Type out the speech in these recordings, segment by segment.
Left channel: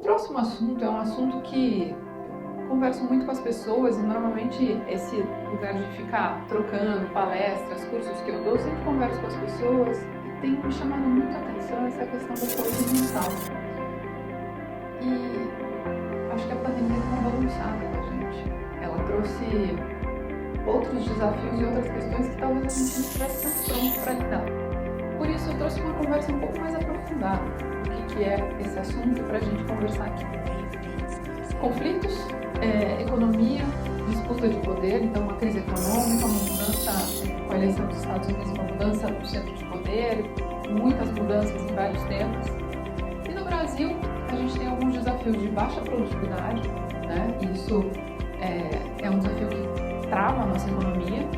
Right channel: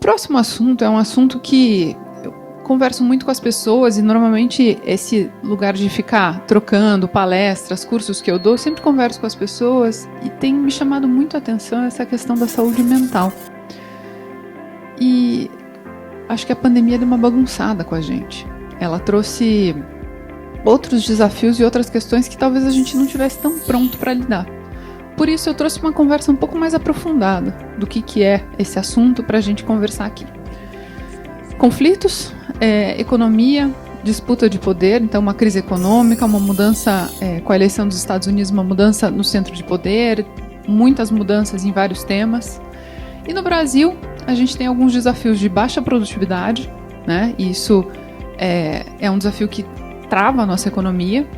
próximo assunto é um assunto que eu converso muito com as pessoas e normalmente esse lugar de ficar trocando palestras, cursos que eu dou, eu sempre converso com as pessoas e tem me chamado muito a atenção essa questão da saúde mental. E acho que a pandemia deu uma bagunçada com a gente. Ela trouxe outros desafios e outras questões que talvez a gente não tivesse tão pronto para lidar. Por isso eu trouxe uma conversa um pouco mais aprofundada do que é esse assunto para a gente conversar aqui. Conflitos, economia, disputa de poder, então uma crise econômica, uma mudança com a eleição dos Estados Unidos, uma mudança no centro de poder, muitas mudanças em vários temas. E no Brasil, a gente tem alguns desafios de baixa produtividade, né? E isso é um desafio que trava a nossa economia.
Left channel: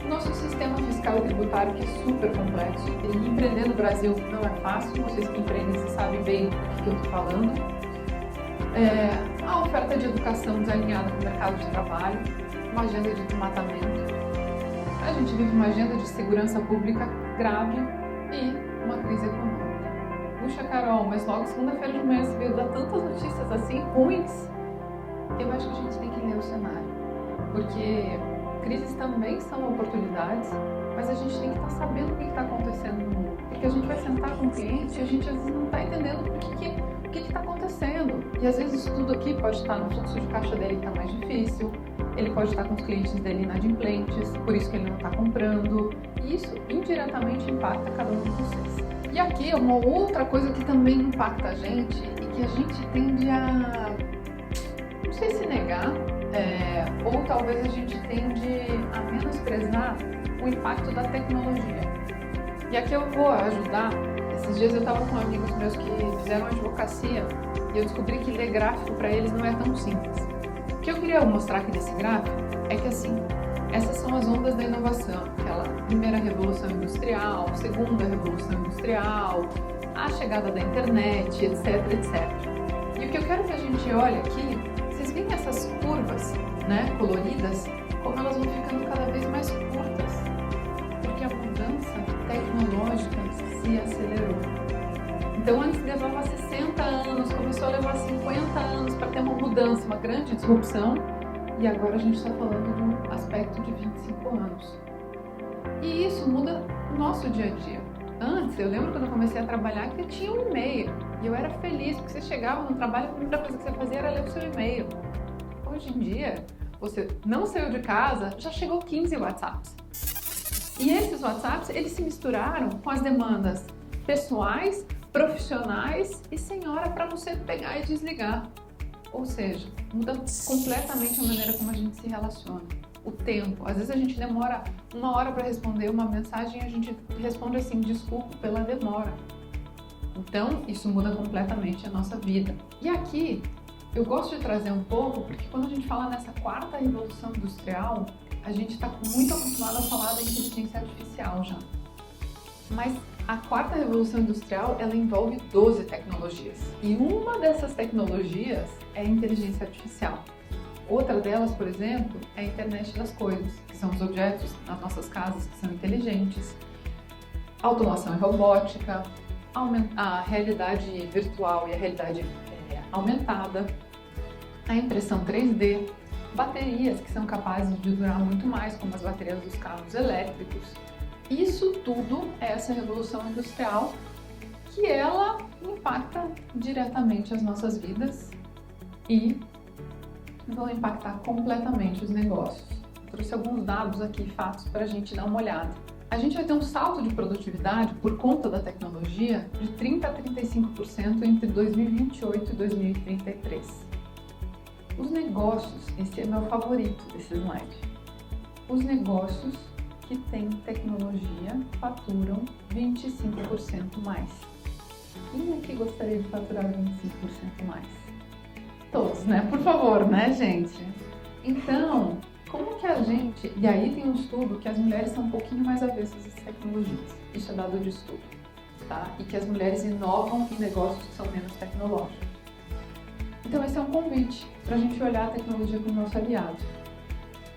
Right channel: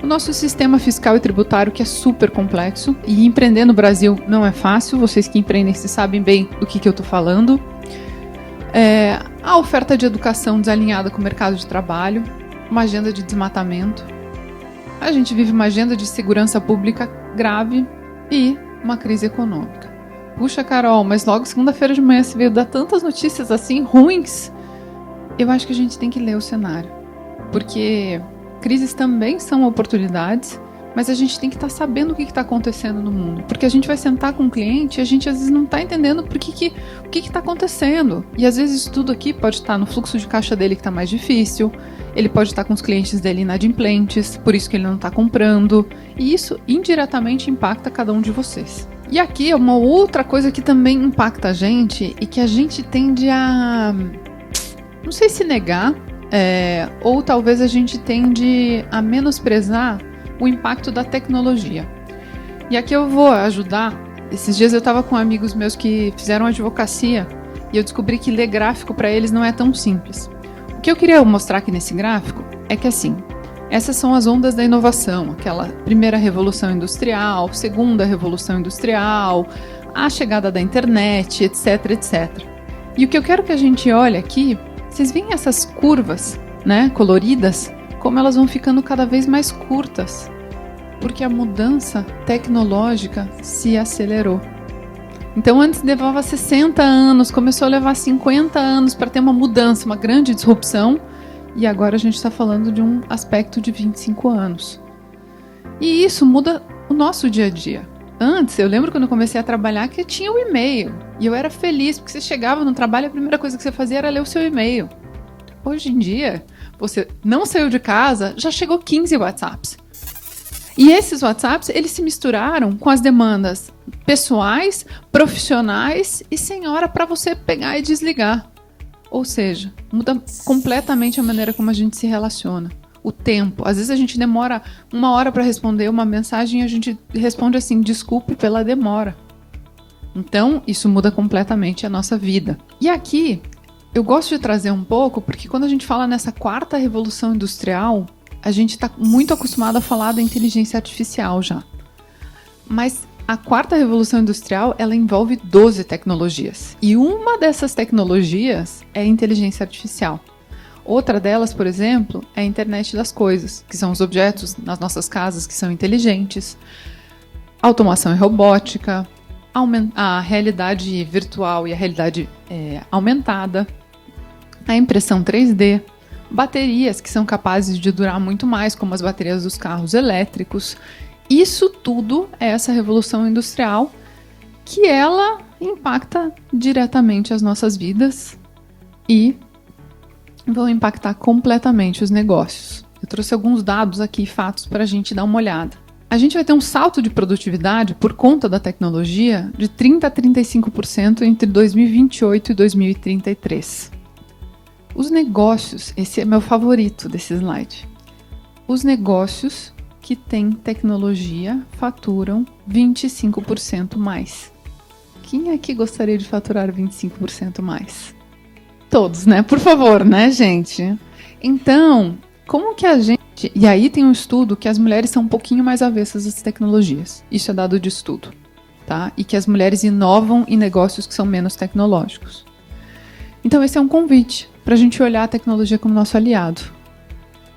O nosso sistema fiscal e tributário, que é super complexo, e empreender no Brasil não é fácil, vocês que empreendem sabem bem do que eu estou falando. A oferta de educação desalinhada com o mercado de trabalho, uma agenda de desmatamento. A gente vive uma agenda de segurança pública grave e uma crise econômica. Puxa, Carol, mas logo segunda-feira de manhã você veio dar tantas notícias assim ruins. Eu acho que a gente tem que ler o cenário, porque crises também são oportunidades, mas a gente tem que estar sabendo o que está acontecendo no mundo. Porque a gente vai sentar com um cliente e a gente às vezes não está entendendo o que está acontecendo. E às vezes isso tudo aqui pode estar no fluxo de caixa dele que está mais difícil, ele pode estar com os clientes dele inadimplentes, por isso que ele não está comprando. E isso indiretamente impacta cada um de vocês. E aqui é uma outra coisa que também impacta a gente e que a gente tende a, não sei se negar, ou talvez a gente tende a menosprezar o impacto da tecnologia. E aqui eu vou ajudar. Esses dias eu estava com amigos meus que fizeram advocacia e eu descobri que ler gráfico para eles não é tão simples. O que eu queria mostrar aqui nesse gráfico é que assim, essas são as ondas da inovação, aquela primeira revolução industrial, segunda revolução industrial, a chegada da internet, etc, etc. E o que eu quero que a gente olhe aqui, vocês veem essas curvas, né, coloridas, como elas vão ficando cada vez mais curtas, porque a mudança tecnológica se acelerou. Então antes levava 60 anos, começou a levar 50 anos para ter uma mudança, uma grande disrupção, e agora a gente está falando de um aspecto de 25 anos. E isso muda o nosso dia a dia. Antes, eu lembro quando eu comecei a trabalhar que eu tinha o e-mail. E eu era feliz, porque você chegava no trabalho, a primeira coisa que você fazia era ler o seu e-mail. Hoje em dia, você não saiu de casa, já chegou 15 WhatsApps. E esses WhatsApps, eles se misturaram com as demandas pessoais, profissionais e sem hora para você pegar e desligar. Ou seja, muda completamente a maneira como a gente se relaciona. O tempo. Às vezes a gente demora 1 hora para responder uma mensagem e a gente responde assim, desculpe pela demora. Então, isso muda completamente a nossa vida. E aqui, eu gosto de trazer um pouco, porque quando a gente fala nessa 4ª revolução industrial, a gente está muito acostumado a falar da inteligência artificial já. Mas a 4ª revolução industrial, ela envolve 12 tecnologias. E uma dessas tecnologias é a inteligência artificial. Outra delas, por exemplo, é a internet das coisas, que são os objetos nas nossas casas que são inteligentes, automação e robótica, a realidade virtual e a realidade aumentada, a impressão 3D, baterias que são capazes de durar muito mais, como as baterias dos carros elétricos. Isso tudo é essa revolução industrial que ela impacta diretamente as nossas vidas e vão impactar completamente os negócios. Eu trouxe alguns dados aqui, fatos, para a gente dar uma olhada. A gente vai ter um salto de produtividade por conta da tecnologia de 30% a 35% entre 2028 e 2033. Os negócios, esse é meu favorito desse slide. Os negócios que têm tecnologia faturam 25% mais. Quem aqui gostaria de faturar 25% mais? Todos, né? Por favor, né, gente? Então, como que a gente... E aí tem um estudo que as mulheres são um pouquinho mais avessas às tecnologias. Isso é dado de estudo, tá? E que as mulheres inovam em negócios que são menos tecnológicos. Então, esse é um convite para a gente olhar a tecnologia como nosso aliado,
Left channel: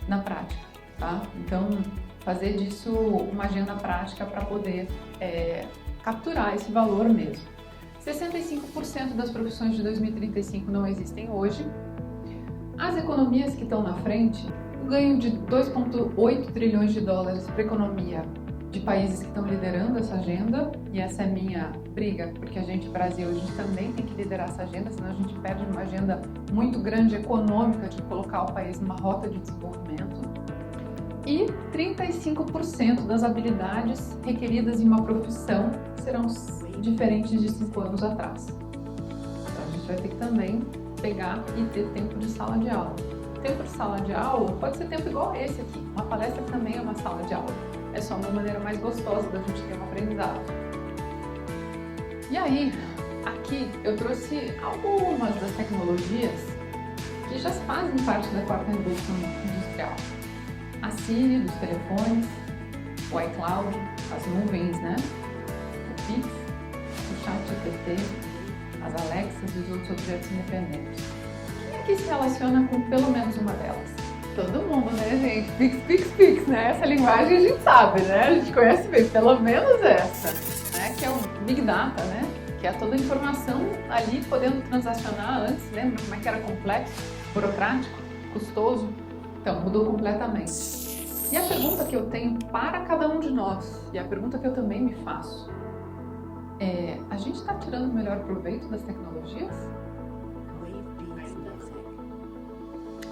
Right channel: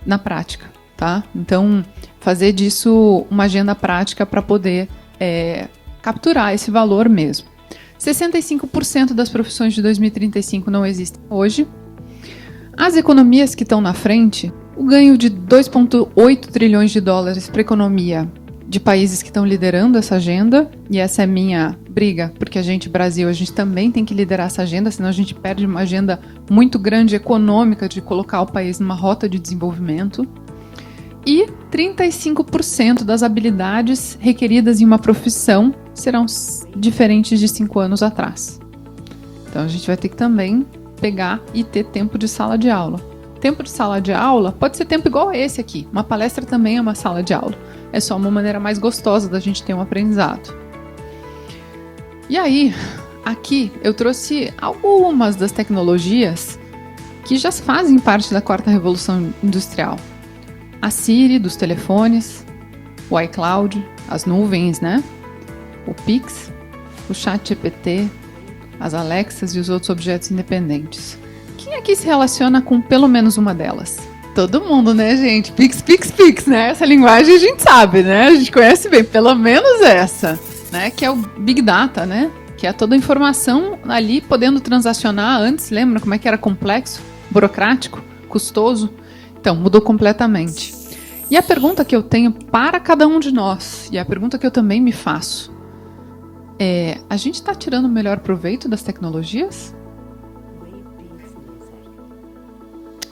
na prática, tá? Então, fazer disso uma agenda prática para poder capturar esse valor mesmo. 65% das profissões de 2035 não existem hoje. As economias que estão na frente, o ganho de 2,8 trilhões de dólares para a economia de países que estão liderando essa agenda, e essa é minha briga, porque a gente, Brasil, a gente também tem que liderar essa agenda, senão a gente perde uma agenda muito grande econômica de colocar o país numa rota de desenvolvimento. E 35% das habilidades requeridas em uma profissão serão diferentes de 5 anos atrás. Então a gente vai ter que também pegar e ter tempo de sala de aula. Tempo de sala de aula pode ser tempo igual a esse aqui. Uma palestra também é uma sala de aula. É só uma maneira mais gostosa da gente ter um aprendizado. E aí, aqui eu trouxe algumas das tecnologias que já fazem parte da quarta revolução industrial. A Siri dos telefones, o iCloud, as nuvens, né? O Pix, o ChatGPT, as Alexas e os outros objetos independentes. Quem aqui se relaciona com pelo menos uma delas? Todo mundo, né, gente? Pix, Pix, Pix, né? Essa linguagem a gente sabe, né? A gente conhece bem, pelo menos essa, né? Que é o Big Data, né? Que é toda a informação ali podendo transacionar antes. Lembra como é que era complexo, burocrático, custoso? Então, mudou completamente. E a pergunta que eu tenho para cada um de nós, e a pergunta que eu também me faço, é: a gente está tirando o melhor proveito das tecnologias?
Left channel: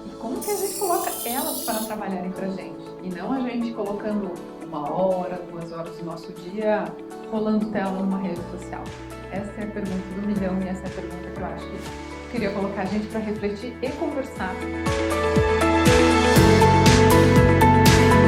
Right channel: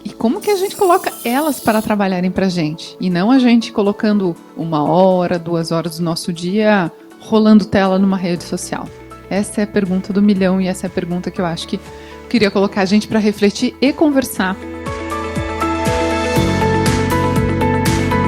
E como que a gente coloca elas para trabalharem para a gente? E não a gente colocando 1 hora, 2 horas do nosso dia rolando tela numa rede social? Essa é a pergunta do milhão e essa é a pergunta que eu acho que queria colocar a gente para refletir e conversar.